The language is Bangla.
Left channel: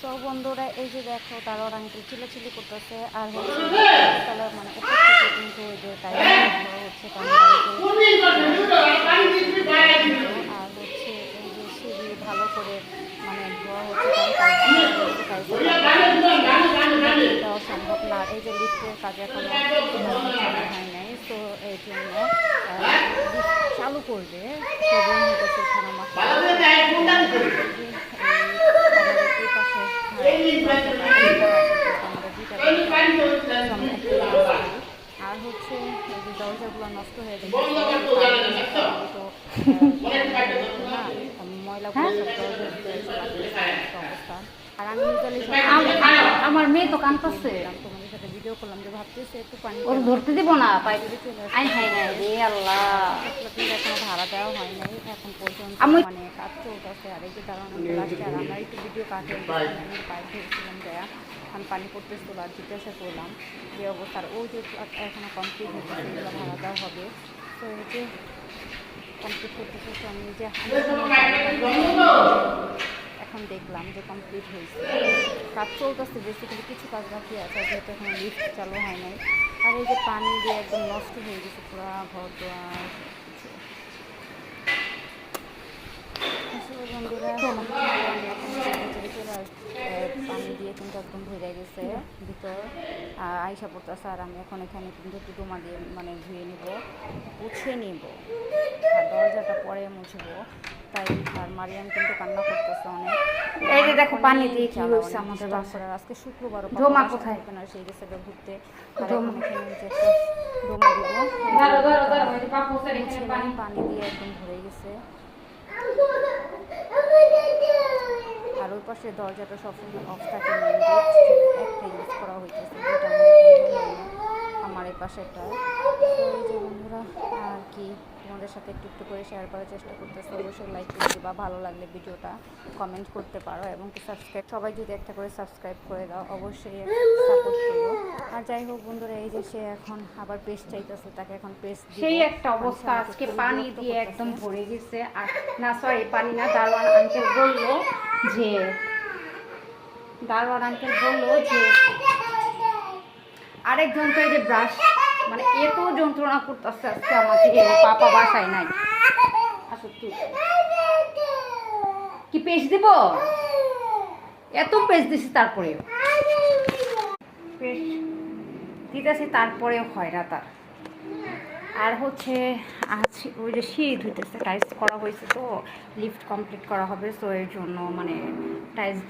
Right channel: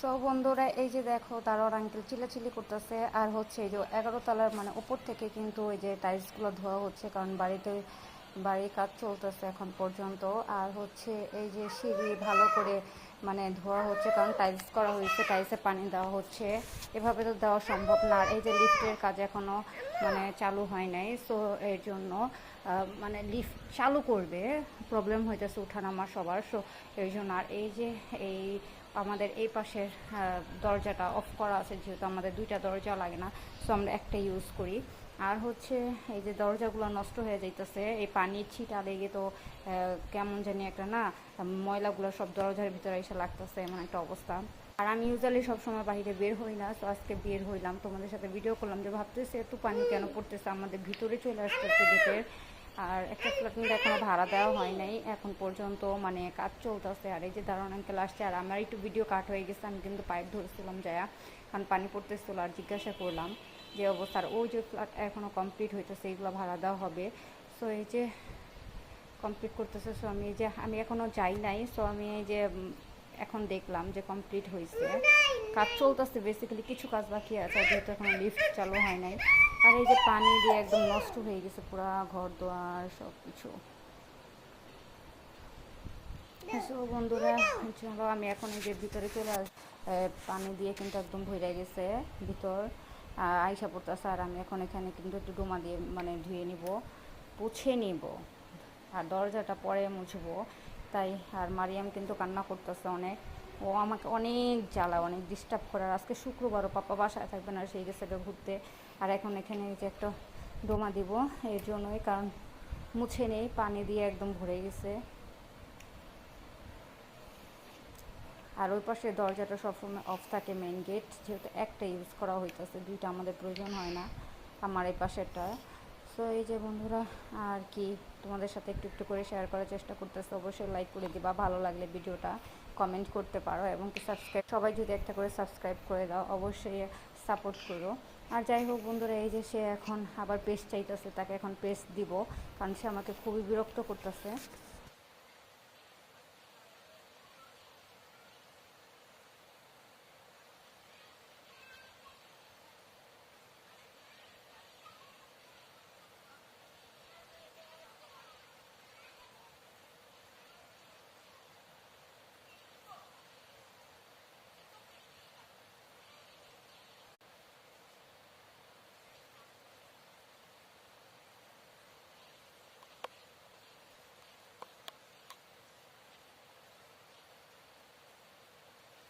সো বন্ধুরা এই যে দেখো তারও আঙ্কেল চিল্লাচিল্লি করতেছে আর হচ্ছে তলার মানে উপর থেকে কিন্তু ওই যে টাইলসগুলো ধোয়া হচ্ছে কারণ বাড়িতে পর্যন্ত আর হচ্ছে এই যে সিঁড়ি ভালো করে মানে ধোয়া হচ্ছে কারণ টাইলস করা হচ্ছে টাইলসের পানি এভাবে দেওয়া সম্ভব না। আর এই যে লিফটের কাজ এখনও মানে চালু হয় নাই, সো এর জন্য লিফট চালু করবে প্রবলেম হইতেছে ওঠানামা করা। এই যে এই আমাদের এই পাশে দরজাটা অফ করা আছে যেহেতু আমাদের দুইটা দরজা তো আমরা একটা ইউজ করি। আর হচ্ছে এই যে দরজাগুলো নষ্ট হয়ে যাইতেছে এই পানি দিলে তো না ময়লাগুলো সব দরজার ভিতরে এসে লাগতেছে একটা অবস্থা। আর আমি ইউজুয়ালি সব আমার মেয়ে তো কাঁদতেছে দিলাম তোমাদের সাথে ভিডিও করলাম যে ভাবতেছে একটু পানি ধরতে দিব না পাইতে চলে আসছে। আল্লাহ এখনো ভাড়া দেওয়া হয় নাই এখন পর্যন্ত, মানে কাজ চলতেছে। আর এই যে দাঁড়ানো আঙ্কেল আসছে আর আমার একটু ভিডিও কাট হয়ে গেছে, আমি কিন্তু পাইপ ধরেছিলাম যায়া কারণ পানি পড়তেছিল আর জিজ্ঞাসা করলাম যে অবস্থা। আর ওই যে ফ্ল্যাট এখনও কমপ্লিট হইতেছে এগুলো ভাড়া দেওয়া হবে। সো এই যে কমপ্লিট করতেছে, সো আমি এখনও যাই নাই, এখন দেখলাম যে কমপ্লিট হয়েছে। কাজ চলতেছে বেসিক্যালি, কিছু কাজ বাকি আছে যেহেতু এখন লিফট চালু হয় নাই। আর এই যে পানি দিয়ে একদম নষ্ট হয়ে গেছে পুরা ঘর দোয়ার সব কিছু। বন্ধুরা আমি এখন ভিতরে চলে পানি দিয়ে কিন্তু একদম ভরে গেছে ভিতর আইসা পড়তেছে। আর আমি এখন এখানে কিন্তু একটু ডোমা দিয়ে মানে ধুয়ে নিব, পুছে নিব আর দরজাটা পরে মুছবো তাই। আর মারিয়াম কিন্তু কান্না করতেছে অনেক, আজকে শুক্রবারও থাকবে না, সেই গেছে ঘুরতে। আর এখন এখানে যে একটা ডোমা দিব মুছে নেই, পানি দিয়ে একদম ভরে গেছে। আর ওই পাশে দরজাটা সবসময় অফ থাকে, মেন গেট যেহেতু একটা ইউজ করা হইতেছে, দুইটা আমাদের প্রয়োজন হয় না আমার এই পাশেরটা। তো এই যে বন্ধুরা আর কি তোমাদের সাথে একটু একটু করে শেয়ার করার চেষ্টা করতেছে। অবশ্যই লাইক করে দিবা, ভালো লাগলে ভিডিওটা কমেন্ট করতে পারো এবং কি সাবস্ক্রাইব, সবাই যদি একটা করে সাবস্ক্রাইব করে দাও অবশ্যই সাপোর্ট করো। আর যাই হোক বন্ধুরা এই যে সে এখন আবার পেস্ট চাইতেছে, তাকে এখন পেস্ট দিব। সেই একটা অবস্থা আজকে পানি দিয়ে একদম ভরে গেছে। আর না সরি পানি না, দারোয়ান আঙ্কেল বললো যে আরেকজন তো এই যে ব্রাশ মানে এত যন্ত্রণা করতেছে আজকে আমাকে, পাপা বাসায় নাই। কি পেস্ট দিব, এত পেস্ট দিছি তারপরে পেস্ট দিতেছি তারপরেও হয় না তার। আর হচ্ছে আছে ওই যে সিঁড়ি ধুইতেছে, টাইলস করা হয়েছে তো লিফট কমপ্লিট করা হবে, সো এর জন্য মানে টাইলস